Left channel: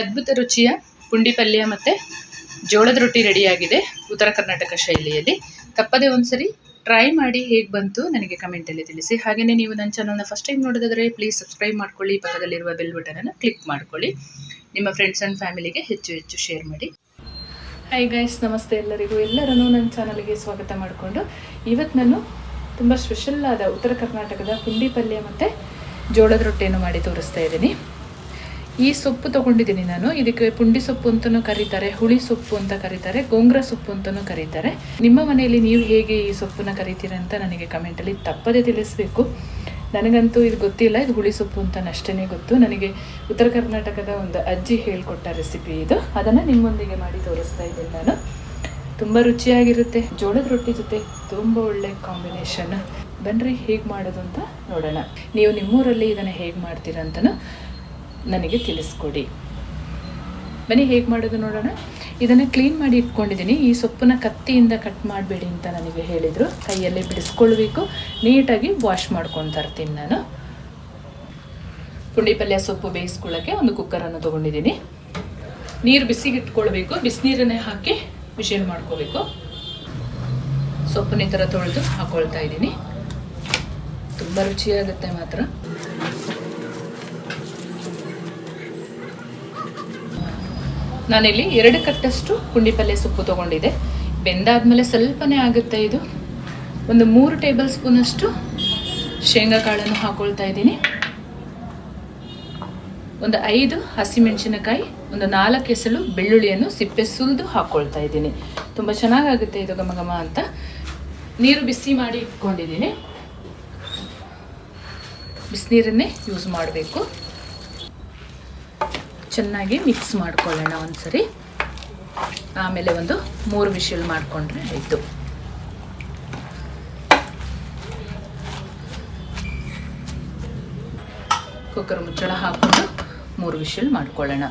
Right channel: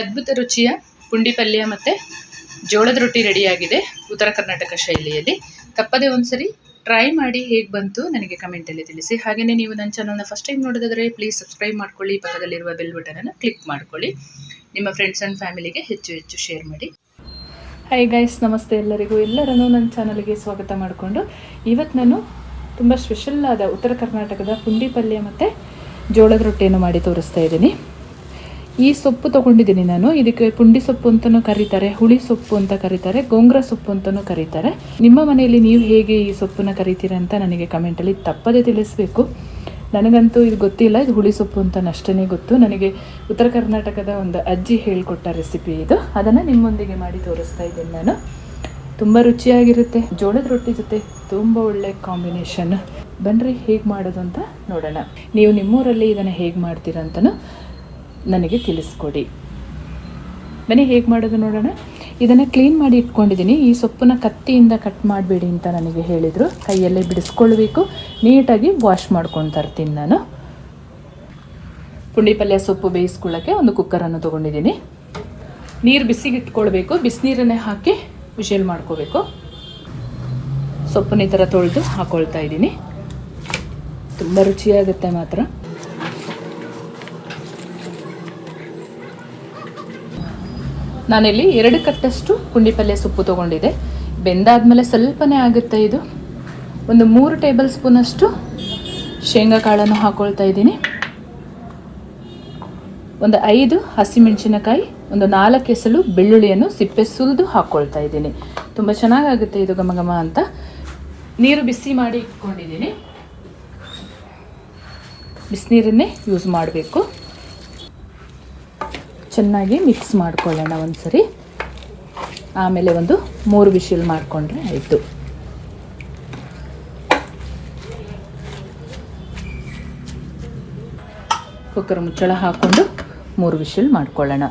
ಅದ್ಭುತ ರುಚಿಯ ಪುಂಡಿ ಪಲ್ಯ ಮತ್ತು ಜೋಳದ ರೊಟ್ಟಿ ರೆಡಿಯಾಗಿದೆ ಉತ್ತರ ಕರ್ನಾಟಕ ಶೈಲಿಯಲ್ಲಿ. ತಪ್ಪದೇ ಒಂದ್ಸರಿ ಟ್ರೈ ಮಾಡಿ ಹೇಗೆ ಬಂತು ನನಗೆ ಕಮೆಂಟಲ್ಲಿ ತಿಳಿಸಿ. ಹಾಗೆಯೇ ನೀವು ನನ್ನ ಚಾನಲ್ನ ಫಸ್ಟ್ ಟೈಮ್ ನೋಡೋದಾದರೆ ಪ್ಲೀಸ್ ಸಬ್ಸ್ಕ್ರೈಬ್ ಮಾಡ್ಕೊಳ್ಳಿ, ಪಕ್ಕದಲ್ಲಿರುವ ಬೆಲ್ ಬಟನನ್ನು ಕ್ಲಿಕ್ ಮಾಡ್ಕೊಳ್ಳಿ, ನಿಮ್ಮ ಫ್ರೆಂಡ್ಸ್ ಆ್ಯಂಡ್ ಫ್ಯಾಮಿಲಿಗೆ ಹೆಚ್ಚು ಶೇರ್ ಮಾಡಿ. ಹಾಯ್ ಗೈಸ್, ನಮಸ್ತೆ ಎಲ್ಲರಿಗೂ. ಎಲ್ಲರನ್ನೂ ನನ್ನ ಚಾನಲ್ಗೆ ಸ್ವಾಗತ ಮಾಡಿಕೊಂಡು ಇವತ್ತು ನಾನು ತುಂಬ ಸ್ಪೆಷಲ್ ಆದ ಉತ್ತರ ಕರ್ನಾಟಕದ ಪುಂಡಿ ಪಲ್ಯ ಮತ್ತು ಜೋಳದ ರೊಟ್ಟಿಯನ್ನು ಮಾಡಿ ತೋರಿಸ್ತಾ ಇದ್ದೀನಿ. ಈ ಸೊಪ್ಪು ತೊಗೊಂಡಿದ್ದೀನಿ ನಾನು. ಇದಕ್ಕೆ ಪುಂಡಿ ಸೊಪ್ಪು ಅಂತಲೂ ಕರೀತಾರೆ, ಹುಳಿ ಸೊಪ್ಪು ಅಂತ ಕರೀತಾರೆ, ಗೋಂಗ್ರ ಸೊಪ್ಪು ಅಂತಲೂ ಕರೀತಾರೆ. ನಿಮ್ಮ ಮನೆಯಲ್ಲಿ ನೀವು ಹೇಗೆ ಈ ಸೊಪ್ಪನ್ನು ಕರಿತೀರಾ ಅಂತ ನನಗೆ ಕಮೆಂಟಲ್ಲಿ ತಪ್ಪದೇ ತಿಳಿಸ್ಬೇಕು. ನನಗಂತೂ ಇದು ಗೊತ್ತಿಲ್ಲ, ಇದು ಹುಳಿ ಸೊಪ್ಪು ಅಂತ ಅಷ್ಟೇ ಗೊತ್ತು. ನನಗೆ ಉತ್ತರ ಕರ್ನಾಟಕದ ಒಂದು ಅಜ್ಜಿ ಹೇಳಿಕೊಟ್ಟ ರೆಸಿಪಿ ಇದು. ಅದನ್ನು ನಿಮ್ಮೊಂದಿಗೆ ಮಾಡಿ ತೋರಿಸ್ತಾ ಇದ್ದೀನಿ ನಾನು. ತುಂಬ ರುಚಿಯಾಗಿರುತ್ತೆ. ಜೋಳದ ರೊಟ್ಟಿ ಜೊತೆ ತುಂಬ ಒಳ್ಳೆ ಕಾಂಬಿನೇಷನ್. ಬನ್ನಿರಿ ಹೇಗೆ ಮಾಡೋದು ಅಂತ ನೋಡೋಣ. ನೀವು ನಿಮ್ಮೂರಲ್ಲಿ ಇದನ್ನು ಹೇಗೆ ಮಾಡ್ತೀರಾ ಅಂತಲೂ ನನಗೆ ತಿಳಿಸ್ಕೊಡಿ. ಬನ್ನಿ ಹೇಗೆ ಮಾಡೋದು ನೋಡೋಣ. ಇದನ್ನು ಕ್ಲೀನ್ ಮಾಡಿ ಇಟ್ಕೊಂಡಿದ್ದೀನಿ. ಈ ಸೊಪ್ಪನ್ನ ಕತ್ತಿಯಿಂದ ಕಟ್ ಮಾಡಬೇಡಿ ಅಂತ ನನಗೆ ಹೇಳಿದರು. ಕೈಯಲ್ಲೇ ಬಿಡಿಸ್ಕೊಳ್ಬೇಕು, ನೀಟಾಗಿ ವಾಶ್ ಮಾಡ್ಕೊಂಡು ತರ್ತೀನಿ ನಾನು. ಪುಂಡಿ ಪಲ್ಯ ಸೊಪ್ಪು ಬೇಯಿಸ್ಕೊಳ್ಳೋಕ್ಕೆ ಒಂದು ಕುಕ್ಕರನ್ನು ತೊಗೊಂಡಿದ್ದೀನಿ. ನೀರು ಬಿಸಿಗೆ ಇಟ್ಕೊಳ್ಬೇಕು. ಬಿಸಿನೀರನ್ನೇ ಹಾಕಿ ವಿಶೇಲ್ ಮಾಡ್ಕೋಬೇಕು. ಸೊಪ್ಪನ್ನ ಈ ಥರ ತೊಳೆದು ಹಾಕ್ಕೊಳ್ತಾ ಇದ್ದೀನಿ. ತುಂಬ ರುಚಿಯಾಗುತ್ತೆ ಮಾತ್ರ. ನಾನಿಲ್ಲಿ 2 ಕಟ್ಟಷ್ಟು ಪುಂಡಿ ಪಲ್ಯ ಸೊಪ್ಪು ತೊಗೊಂಡಿದ್ದೆ. ಬೆಂದಾದ್ಮೇಲೆ ಸ್ವಲ್ಪನೇ ಆಗುತ್ತೆ ಇದು. ಒಂದು 3 ಟೇಬಲ್ ಸ್ಪೂನಷ್ಟು ಶೇಂಗಾ ಕಾಳನ್ನು ಹಾಕ್ಕೊಳ್ತಾ ಇದ್ದೀನಿ. ಒಂದು 5 ಹಸಿಮೆಣಸಿನಕಾಯಿ, ಒಂದು 4 ಎಸಳು ಬೆಳ್ಳುಳ್ಳಿಯನ್ನು ಸಿಪ್ಪೆ ಸುಲಿದು ಹಾಕ್ಕೊಳ್ತಾ ಇದ್ದೀನಿ. ತುಂಬ ಚೆನ್ನಾಗಾಗುತ್ತೆ ಇದು ಘಮ ಘಮ ಅಂತ. ನೀರು ಬಿಸಿ ಮಾಡಿ ಇಟ್ಕೊಂಡಿದ್ದೀನಿ. ಬಿಸಿನೀರನ್ನೇ ಯೂಸ್ ಮಾಡಬೇಕು. ಚೆನ್ನಾಗಿ ಮಿಕ್ಸ್ ಮಾಡ್ಕೊಳ್ಳೋಣ ಒಂದ್ಸರಿ. ಆಮೇಲೆ ಒಂದು 3 ವಿಶಿಲ್ ಮಾಡಿಕೊಂಡ್ರೆ ಆಯಿತು. ಕುಕ್ಕರ್ ಮುಚ್ಚಳ ಹಾಕ್ಕೊಂಡು 3 ವಿಶಿಲ್ ಮಾಡ್ಕೊಳ್ಳೋಣ.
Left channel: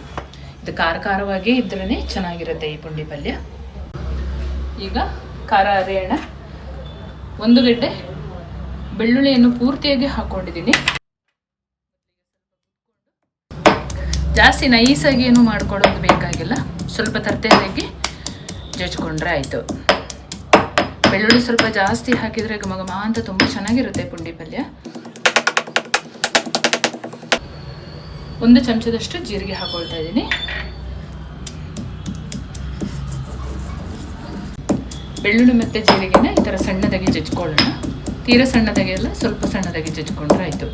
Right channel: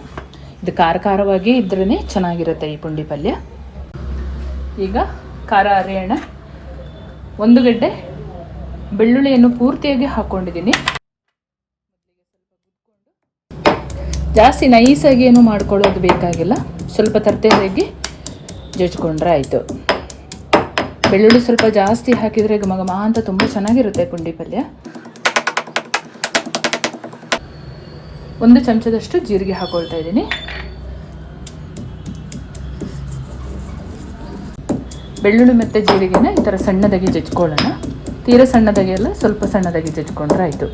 ಇದು ಖಾರವಾಗಿ ಇದ್ರೇ ಚೆನ್ನಾಗಿರುತ್ತೆ ಈ ಪುಂಡಿ ಪಲ್ಯ. ಈಗ ಖಾರ ಅರಿಯೋಣ. 1 ಗಡ್ಡೆ ಬೆಳ್ಳುಳ್ಳಿಯನ್ನು ಪೂರ್ತಿಯಾಗಿ ಹಾಕ್ಕೊಂಡಿದ್ದೀನಿ. ಜಾಸ್ತಿ ನೈಸಾಗಿ ಏನು ಮಾಡ್ಕೊಳ್ಳೋದು ಬೇಕಾಗಿಲ್ಲ, ಸ್ವಲ್ಪ ತರ್ತೇದಾಗಿ ಜಜ್ಕೊಂಡ್ರೆ ಆಯಿತು. ಬೆಳ್ಳುಳ್ಳಿ ಸ್ವಲ್ಪ ಜಾಸ್ತಿ ಹಾಕಿದರೆ ಘಮ ಘಮ ಅಂತ ತುಂಬ ಚೆನ್ನಾಗಿರುತ್ತೆ ಪುಂಡಿ ಪಲ್ಯ. 1 ಚಮಚದಷ್ಟು ಜೀರಿಗೆ ಹಾಕ್ಕೊಳ್ತಾ ಇದ್ದೀನಿ. ಬೆಳ್ಳುಳ್ಳಿ ಮತ್ತು ಜೀರಿಗೆನ ಈ ಥರ ಸಣ್ಣದಾಗಿ ಜಜ್ಕೊಳ್ಳೋಣ. ತೀರಾ ಸಣ್ಣದಾಗಿ ಅಲ್ಲ, ಸ್ವಲ್ಪ ಸಣ್ಣದಾಗಿ ಜಜ್ಕೊಂಡ್ರೆ ಆಯಿತು.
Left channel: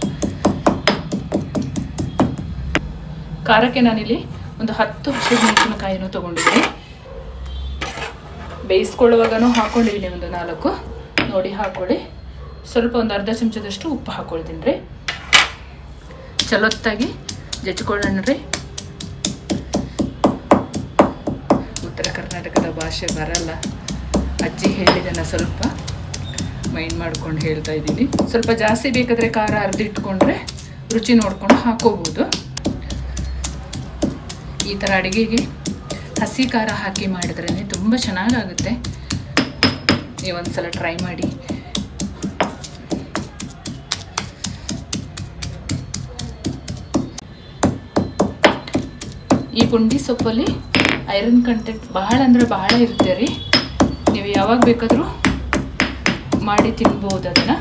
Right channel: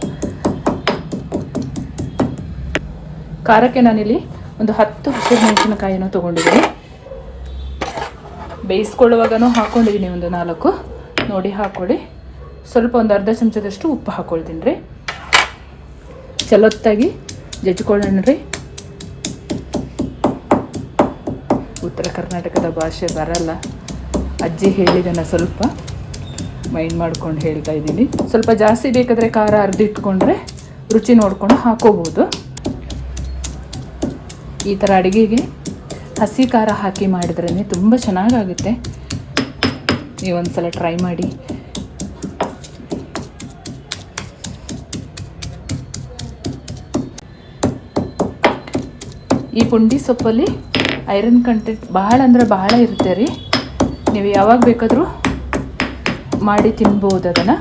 ಖಾರಕ್ಕೆ ನಾನಿಲ್ಲಿ ಒಂದು 10 ಹಸಿಮೆಣಸಿನಕಾಯಿಯನ್ನು ತೊಗೊಂಡಿದ್ದೀನಿ. ಬೇಯಿಸ್ಕೊಳ್ಳುವಾಗನೂ ಹಾಕ್ಕೊಂಡಿದ್ದೀನಿ ಒಂದು 4 ನೋಡಿ ಹಾಕ್ಕೊಳ್ಳಿ. ಸ್ವಲ್ಪ ಒಂದು ಅರ್ಧ ಚಮಚದಷ್ಟು ಉಪ್ಪು ಹಾಕ್ಕೊಳ್ತೀನಿ ರೀ. ಚಲೊತ್ತಾಗಿ ಜಜ್ಕೊಳ್ಳೋಣ ರೀ. ಉತ್ತರ ಕರ್ನಾಟಕದ ಭಾಷೆ ಬರಲ್ಲ, ಅಜ್ಜಿ ಹೇಳಿದ್ದನ್ನು ಸ್ವಲ್ಪ ಮೈಂಡ್ ಮಾಡ್ಕೊಂಡು ಹೇಳ್ತಾ ಇದ್ದೀನಿ. ಸ್ವಲ್ಪ ಜಾಸ್ತಿ ಬೇಕಾದರೆ ಖಾರ ಅರ್ದಿಟ್ಕೊಂಡ್ರೆ ರುಚಿ ನೋಡ್ಕೊಂಡು ಹಾಕೋಬೋದು. ಈ ಥರ ಅಡುಗೆಗೆ ಹಸಿ ಖಾರ ಹಾಕಿ ಮಾಡಿದ್ರೇ ತುಂಬ ಚೆನ್ನಾಗಾಗುತ್ತೆ. ನೀವೊಂದು ಸಲ ಟ್ರೈ ಮಾಡಿ. ಈ ಪುಂಡಿ ಸೊಪ್ಪಲ್ಲಿ ಐರನ್ ಕಂಟೆಂಟ್ ಬಹಳ ಅಂದರೆ ಬಹಳ ಇರುತ್ತೆ ರೀ. ನೀವು ಯಾವಾಗ ಬೇಕಾದರೂ ಮಾಡಿ ತಿನ್ಬೋದು. ಅದನ್ನು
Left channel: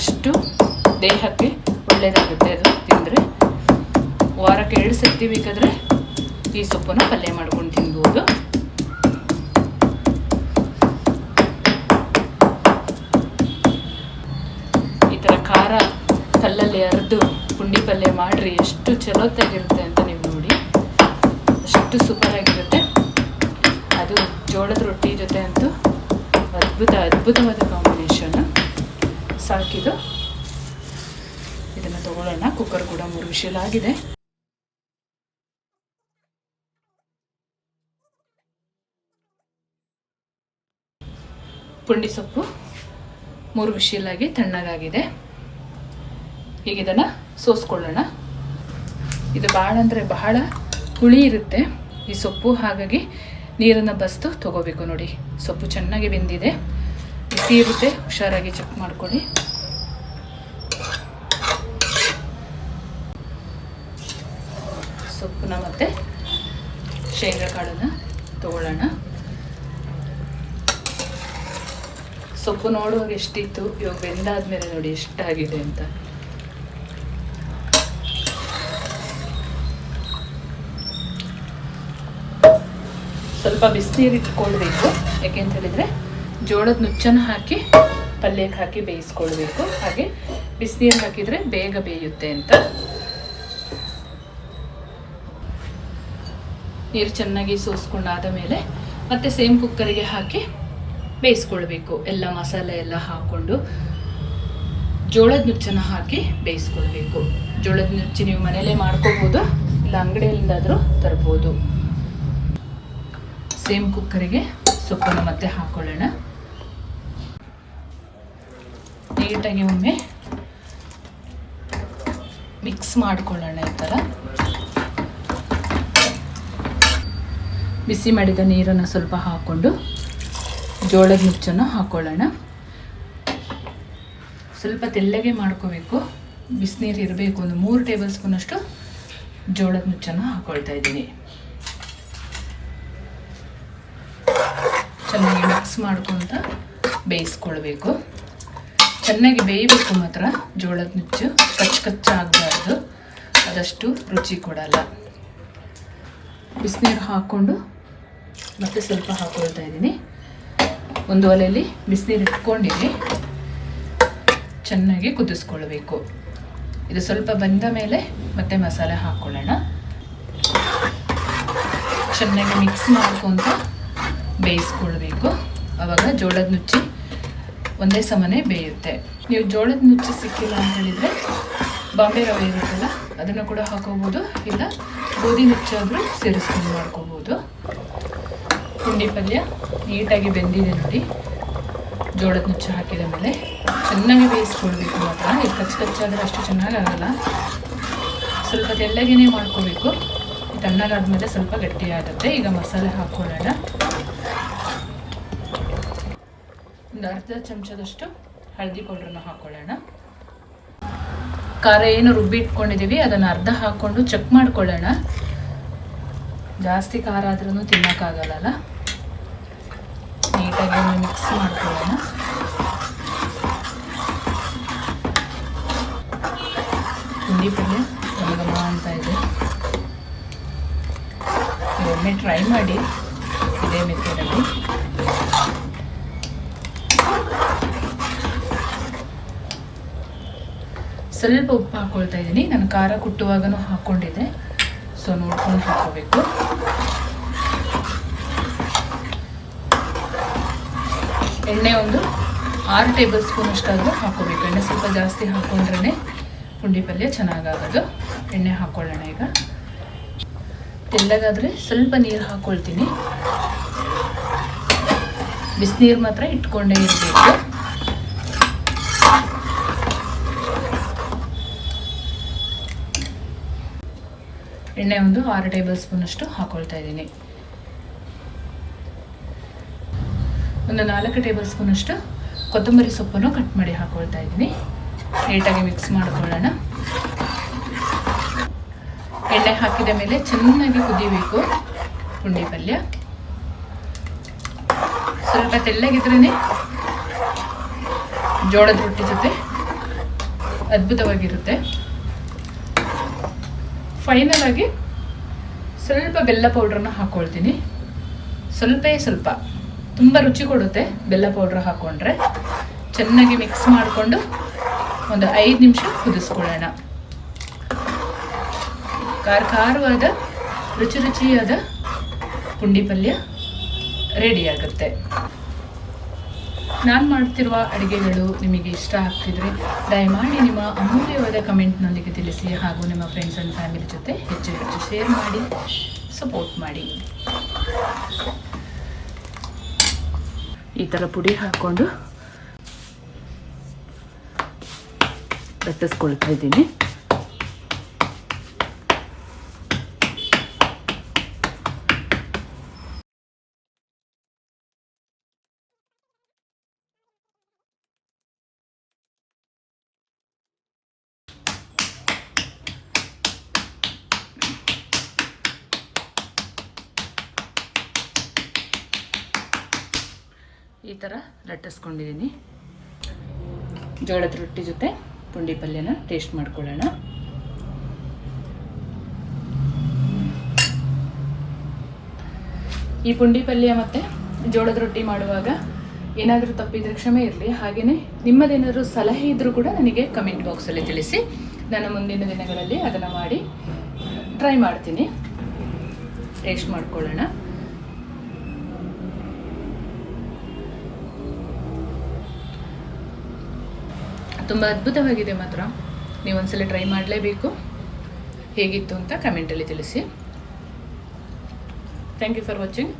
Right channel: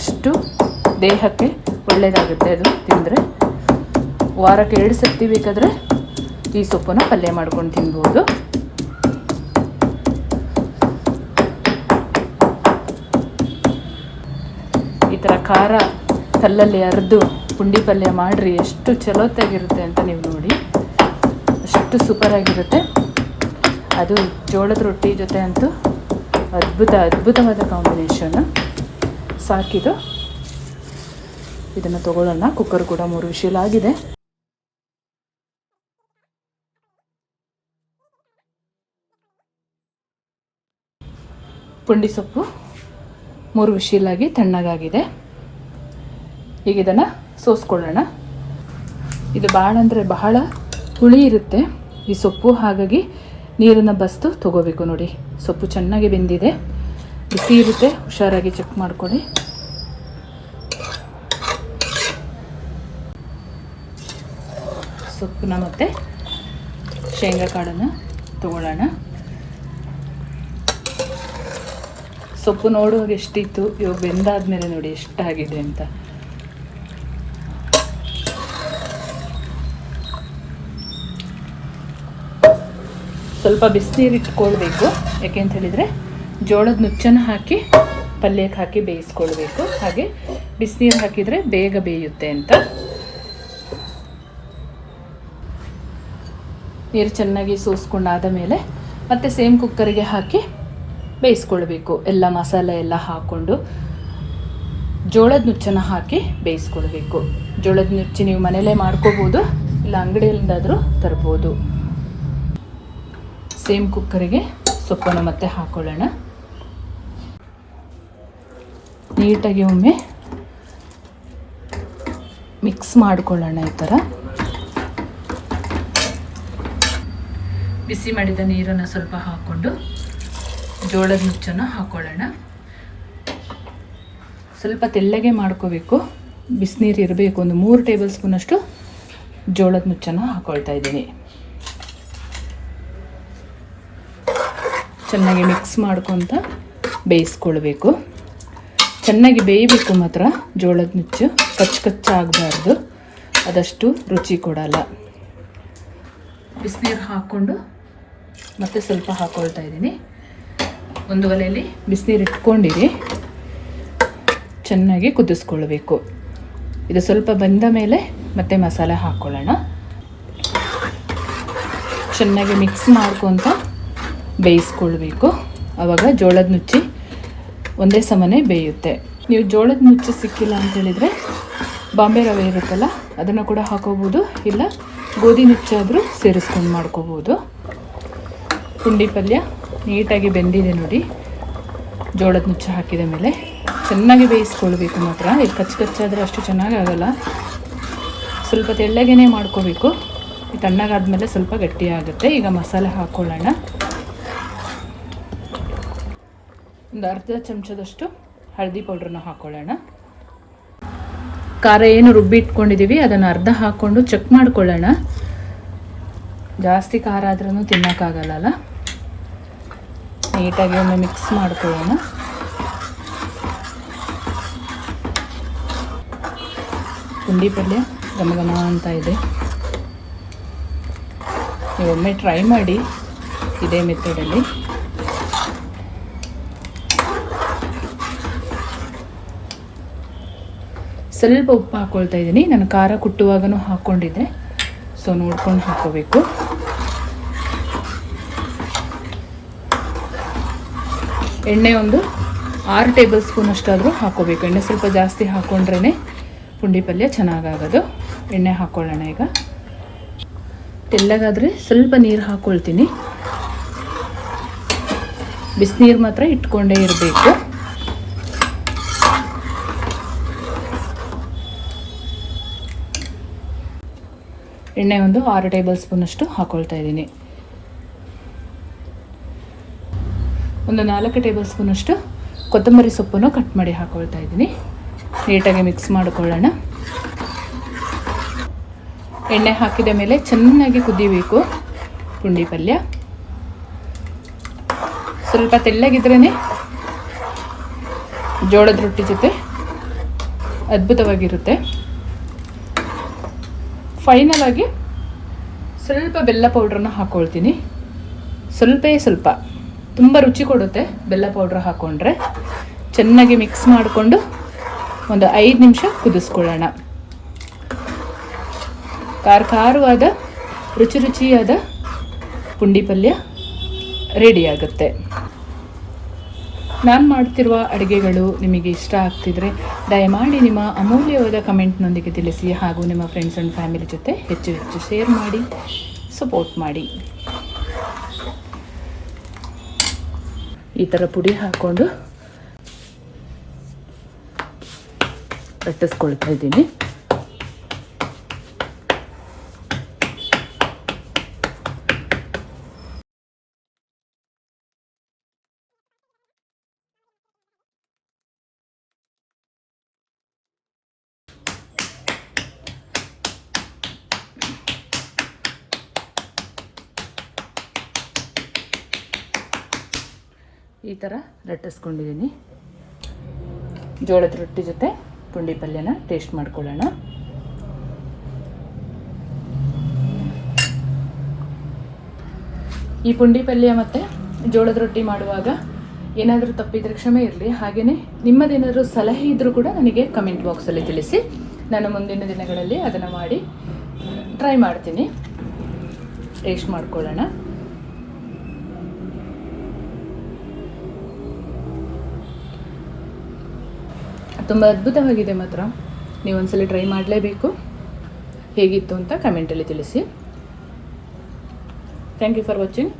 ಅಷ್ಟು ದೇಹಕ್ಕೆ ಒಳ್ಳೆಯದಾಗುತ್ತೆ ಅದು ತಿಂದರೆ. ವಾರಕ್ಕೆ 2 ಸರ್ತಿ ಬೇಕಾದರೆ ಈ ಸೊಪ್ಪನ್ನು ಪಲ್ಯ ಮಾಡ್ಕೊಂಡು ತಿನ್ಬೋದು. ಈ ಥರ ಖಾರ ಕಲ್ಲಲ್ಲಿ ಅರೆದು ಪುಂಡಿ ಪಲ್ಯ ಮಾಡಿರಿ, ಎಷ್ಟು ಚಲೋತ್ತಾಗಿರುತ್ತೆ ಅಂತ ನೀವು ನೋಡಿ. ಅಷ್ಟು ಸೂಪರಾಗಿರುತ್ತೆ. ಅದು ಜೋಳದ ರೊಟ್ಟಿ ಜೊತೆ ಅಂತೂ ಅದ್ಭುತವಾದ ಕಾಂಬಿನೇಷನ್. ಸಾಕಿದು. ಇದನ್ನು ತಗೊಳ್ಳೋಣ. ಕುಕ್ಕರ್ ಕೂಡ 3 ವಿಶಿಲ್ ಆಗಿದೆ. ಪುಂಡಿ ಸೊಪ್ಪು 3 ವಿಶಿಲಾಗಿ ತಣ್ಣಗಾಗಿದೆ. ಈಗ ಇದನ್ನು ಸೋಸ್ಕೊಳ್ಳೋಣ. ಇದು ಭಾಳ ಅಂದರೆ ಬಹಳ ಹುಳಿ ಇರುತ್ತೆ ಈ ಸೊಪ್ಪು, ಹಾಗಾಗಿ ನೀರನ್ನು ಬಸ್ತು ತೊಗೋಬೇಕು. ನೋಡಿ, ಸೊಪ್ಪು ಚೆನ್ನಾಗಿ ಬೆಂದಿದೆ. ಬಿಸಿ ಇರುತ್ತೆ, ಹುಷಾರಾಗಿ ಚೆಕ್ ಮಾಡ್ಕೊಳ್ಳಿ. ಸೊಪ್ಪನ್ನ ಮತ್ತು ಶೇಂಗಾ ಕಾಳನ್ನು ತೊಗೊಳ್ಳೋಣ. ಸೊಪ್ಪು ನೋಡುವಾಗ ಎಷ್ಟಿತ್ತು, ಇವಾಗ ಬೆಂದಾದ್ಮೇಲೆ ನೋಡಿ ಎಷ್ಟಾಗಿದೆ ಅಂತ. ಸ್ವಲ್ಪ ಬಿಸಿನೀರು ಇಟ್ಕೊಳ್ಬೇಕು, ಯಾಕೆಂತ ಹೇಳಿದರೆ ಜೋಳದ ನುಚ್ಚನ್ನು ಹಾಕಿ ಪಲ್ಯಕ್ಕೆ ಹಾಕಿ ಬೇಯಿಸ್ಕೊಳ್ಬೇಕು. ಹಾಗೆ ಬಿಸಿನೀರು ಹಾಕಿದರೆ ಬೇಗ ಬೇಯುತ್ತೆ ಅಂತ. ನೀರು ಚೆನ್ನಾಗಿ ಸೋಸ್ಕೊಂಡಾದ ಮೇಲೆ ಮತ್ತೆ ಸೇಮ್ ಕುಕ್ಕರಿಗೆ ಹಾಕಿ ಬೇಯಿಸ್ಕೊಳ್ಬೇಕು. ಎಲ್ಲ ಮಸಾಲೆ ಎಲ್ಲ ಹಾಕ್ಕೊಂಡು ಜೋಳದ ನುಚ್ಚನ್ನು ಹಾಕಿ ಬೇಯಿಸ್ಕೊಳ್ಬೇಕು. ಜೋಳದ ನುಚ್ಚು ನೀವು ಮನೇಲೇ ಮಾಡ್ಕೋಬೋದು, ಇಲ್ಲ ಅಂಗಡಿಯಿಂದಾದರೂ ತರ್ಬೋದು. ಸೇಮ್ ಕುಕ್ಕರಿಗೆ ಸೊಪ್ಪನ್ನು ಮತ್ತೆ ಹಾಕ್ಕೊಳ್ಳೋಣ. ನೀಟಾಗಿ ಒಮ್ಮೆ ಮಿಕ್ಸ್ ಮಾಡಿಕೊಳ್ಳೋಣ. ಈ ಥರ ಬಿಸಿ ಮಾಡಿದ ನೀರನ್ನು ಸ್ವಲ್ಪ ಹಾಕ್ಕೊಂಡು ಜೋಳದ ನುಚ್ಚನ್ನು ಹಾಕ್ಕೊಳ್ಳೋಣ. ಸ್ವಲ್ಪ ತೆಳ್ಳಗೆ ಮಾಡ್ಕೋಬೇಕು, ಬಿಸಿನೀರು ಇರಬೇಕು. ಒಂದು 3 ಟೇಬಲ್ ಸ್ಪೂನಷ್ಟು ಜೋಳದ ನುಚ್ಚನ್ನು ಹಾಕ್ಕೊಳ್ತಾ ಇದ್ದೀನಿ. ಚೆನ್ನಾಗಿ ಮಿಕ್ಸ್ ಮಾಡ್ಕೊತ ಬೇಯಿಸ್ಕೊಳ್ಬೇಕು. ಚೆನ್ನಾಗಿ ಬೇಯಬೇಕು ಮಾತ್ರ. ಜೋಳದ ನುಚ್ಚು ಕಚ್ಚಾಗಬಾರ್ದು, ಅದಷ್ಟು ರುಚಿ ಕೊಡಲ್ಲ. ಬಿಸಿನೀರು ಹಾಕ್ಕೊಂಡು ಮತ್ತೆ ಸ್ವಲ್ಪ ಹಾಕ್ಕೊಳ್ತಾ ಇದ್ದೀನಿ. ಒಂದು ಒಲೆಯಲ್ಲಿ ಬಿಸಿನೀರು ಇಟ್ಕೊಂಡಿರಿ, ಚೆನ್ನಾಗಿ ಕುದಿಸ್ಕೊಳ್ಬೇಕು. ಇದು ಸ್ವಲ್ಪ ಬಂದ ಮೇಲೆ ಮತ್ತೆ ಮಸಾಲೆ ಹಾಕ್ಕೊಳ್ಳೋಣ. ಚೆನ್ನಾಗಿ ಮಿಕ್ಸ್ ಮಾಡ್ಕೊತ ಬೇಯಿಸ್ಕೊಳ್ಬೇಕು. ಆವಾಗ ಜೋಳದ ನುಚ್ಚಿ ಒಂದೇ ಸಮನೆ ಬೇಯುತ್ತೆ. ನೀವು ಜೋಳದ ನುಚ್ಚು ಸಿಕ್ಕಿಲ್ಲ ಅಂತ ಹೇಳಿದರೆ ಬಾಂಬೆ ರವೆ ಇರುತ್ತಲ್ಲ, ಅದನ್ನು ಕೂಡ ಹಾಕೋಬೋದು, ಇಲ್ಲ ಗೋಧಿ ನುಚ್ಚಾದರೂ ಸೇರಿಸ್ಕೊಂಡು ಮಾಡ್ಕೋಬೋದು. ಪುಂಡಿ ಪಲ್ಯ ನೀಟಾಗಿ ಬೆಂದಿದೆ ನೋಡಿ. ಜೋಳದ ನುಚ್ಚು ಹಾಕಿದ ಮೇಲೆ ಚೆನ್ನಾಗಿ ಬೇಯಿಸ್ಕೊಳ್ಬೇಕು ಮಾತ್ರ. ಇದು ಕಚ್ಚಾದರೆ ಅಷ್ಟು ಚೆನ್ನಾಗಾಗಲ್ಲ. ಸ್ವಲ್ಪ ತೆಳ್ಳಗೇ ಮಾಡ್ಕೋಬೇಕು. ತಣ್ಣಗಾದ್ಮೇಲೆ ಸ್ವಲ್ಪ ಗಟ್ಟಿಯಾಗುತ್ತೆ. ಈಗ ಮಸಾಲೆ ಹಾಕ್ಕೊಳ್ಳೋಣ. ಒಂದು ಅರ್ಧ ಚಮಚದಷ್ಟು ಹಳದಿ ಪೌಡ್ರನ್ನ ಹಾಕ್ಕೊಳ್ಳೋಣ. ಖಾರ ಏನು ರುಬ್ಬಿ ಇಟ್ಕೊಂಡಿದ್ದೀವಿ ಅದನ್ನು ಅರ್ಧ ಹಾಕ್ಕೊಂಡು ಚೆಕ್ ಮಾಡ್ಕೊಳ್ಳೋಣ. ಜಾಸ್ತಿ ಖಾರ ಆದ್ರೂ ತಿನ್ನೋಕ್ಕಾಗಲ್ಲ. ನೀಟಾಗಿ ಒಮ್ಮೆ ಮಿಕ್ಸ್ ಮಾಡ್ಕೊಳ್ಳೋಣ. ಪುಂಡಿ ಪಲ್ಯ ಗಮಗಮ ಅಂತ ಇದೆ. ಒಮ್ಮೆ ಟ್ರೈ ಮಾಡಿ ಇದೇ ಮೆಥಡಲ್ಲಿ. ಸ್ವಲ್ಪ ಉಪ್ಪು ಹಾಕ್ಕೊಳ್ತಾ ಇದ್ದೀನಿ. ನಾನು ಖಾರ ಕುಟ್ಟುವಾಗನೂ ಹಾಕ್ಕೊಂಡಿದ್ದೆ, ಸೊ ನೋಡ್ಕೊಂಡು ಹಾಕೋಬೇಕು. ಎಣ್ಣೆ ಒಂದು 6 ಟೇಬಲ್ ಸ್ಪೂನ್ ಅಷ್ಟಾದರೂ ಹಾಕ್ಕೋಬೇಕು. ಎಣ್ಣೆ ಸ್ವಲ್ಪ ಜಾಸ್ತಿ ಹಾಕ್ಕೊಂಡ್ರೇ ಪುಂಡಿ ಪಲ್ಯ ಚೆನ್ನಾಗಾಗೋದು. ಎಣ್ಣೆ ಹಾಕ್ಕೊಳ್ಳೋಣ. ಈಗ ತೆಳ್ಳಗಾದರೆ ಸ್ವಲ್ಪ ನೀರು ಹಾಕ್ಕೊಳ್ತೀನಿ. ಬಿಸಿನೀರು ಮಾತ್ರ ಇಟ್ಕೊಂಡೇ ಇರಬೇಕು. ಎಣ್ಣೆ ಒಂದು 6 ಟೇಬಲ್ ಸ್ಪೂನಷ್ಟು ಹಾಕ್ಕೊಳ್ತಾ ಇದ್ದೀನಿ. ಒಂದು 4 ಟೇಬಲ್ ಸ್ಪೂನಷ್ಟು ಕೊತ್ತಂಬರಿ ಸೊಪ್ಪನ್ನು ಕಟ್ ಮಾಡಿ ಹಾಕ್ಕೊಳ್ತಾ ಇದ್ದೀನಿ. ನೀಟಾಗಿ ಮಿಕ್ಸ್ ಮಾಡಿಕೊಳ್ಳೋಣ. ಎಣ್ಣೆ ಹಾಕಿದ ಮೇಲೆ ಚೆನ್ನಾಗಿ ಕುದಿಬೇಕು ಪುಂಡಿ ಪಲ್ಯ. ಸ್ವಲ್ಪ ತೆಳ್ಳಗಿದ್ರೇ ಜೋಳದ ರೊಟ್ಟಿ ಜೊತೆ ಅದ್ಭುತವಾಗಿರುತ್ತೆ. ಫೈನಲ್ ಆಗಿ ಸ್ವಲ್ಪ ಬೆಲ್ಲ ಪೌಡ್ರನ್ನ ಹಾಕ್ಕೊಳ್ತೀನಿ. ಸ್ವಲ್ಪ ತುಂಬ ರುಚಿ ಕೊಡುತ್ತೆ ಬೆಲ್ಲ ಪೌಡ್ರ್ ಹಾಕ್ಕೊಂಡ್ರೆ. ಚೆನ್ನಾಗಿ ಮಿಕ್ಸ್ ಮಾಡಿಕೊಂಡು ಒಂದು 5 ನಿಮಿಷ ಕುದಿಸ್ಕೊಳ್ಳೋಣ. ಖಾರವಾದ ರುಚಿಯಾದ ಪುಂಡಿ ಪಲ್ಯ ರೆಡಿಯಾಗುತ್ತೆ. ನಾನು ಮಾಡ್ತಿರುವ ಅಡುಗೆಗಳು ನಿಮಗೆ ಇಷ್ಟ ಆಗ್ತಿದ್ರೆ ದಯಮಾಡಿ ನಿಮ್ಮ ಅಮೂಲ್ಯವಾದ ಕಮೆಂಟ್ನೊಂದಿಗೆ ತಿಳಿಸಿ. ಹಾಗೂ ನಿಮ್ಮ ಫ್ರೆಂಡ್ಸ್ ಆ್ಯಂಡ್ ಫ್ಯಾಮಿಲಿ ಜೊತೆ ಹೆಚ್ಚು ಶೇರ್ ಮಾಡಿ, ಸಪೋರ್ಟ್ ಮಾಡಿ. ಈ ಥರ ಪುಡಿ ಹಾಕ್ಕೊಂಡು ಲಟ್ಟಿಸ್ಕೊಳ್ತಾ ಇದ್ದೀನಿ. ಈ ಥರ ಲಟ್ಟಿಸ್ಕೊಂಡಿದ್ದೀನಿ. ಜೋಳದ ರೊಟ್ಟಿ ಜೊತೆ ಪುಂಡಿ ಪಲ್ಯನ ಟೇಸ್ಟ್ ಮಾಡ್ಕೊಳ್ಳೋಣ. ಈ ಪುಂಡಿ ಪಲ್ಯ ಮತ್ತು ಜೋಳದ ರೊಟ್ಟಿ ಮಾಡುವಾಗ ಏನಾದರೂ ತಪ್ಪಿದರೆ ಕ್ಷಮೆ ಇರಲಿ. ಹಾಗೆಯೇ ನಿಮ್ಮದೇನಾದರೂ ಸಲಹೆ ಇದ್ದರೂ ಕೂಡ ನನಗೆ ಕಮೆಂಟ್ ಬಾಕ್ಸಲ್ಲಿ ತಿಳಿಸಿ. ನಾನು ಮುಂದಿನ ದಿನಗಳಲ್ಲಿ ಅದನ್ನು ಮಾಡಿ ಟ್ರೈ ಮಾಡ್ತೀನಿ. ಟೇಸ್ಟ್ ಮಾಡ್ಕೊಳ್ಳೋಣ. ತುಂಬ ಅದ್ಭುತವಾಗಿದೆ ಮಾತ್ರ. ನೀವು ಒಂದ್ಸಲ ಟ್ರೈ ಮಾಡಲೇಬೇಕು. ಹೇಗಿತ್ತು ಅಂತ ಕಮೆಂಟಲ್ಲಿ ತಿಳಿಸಿ. Thank you for watching.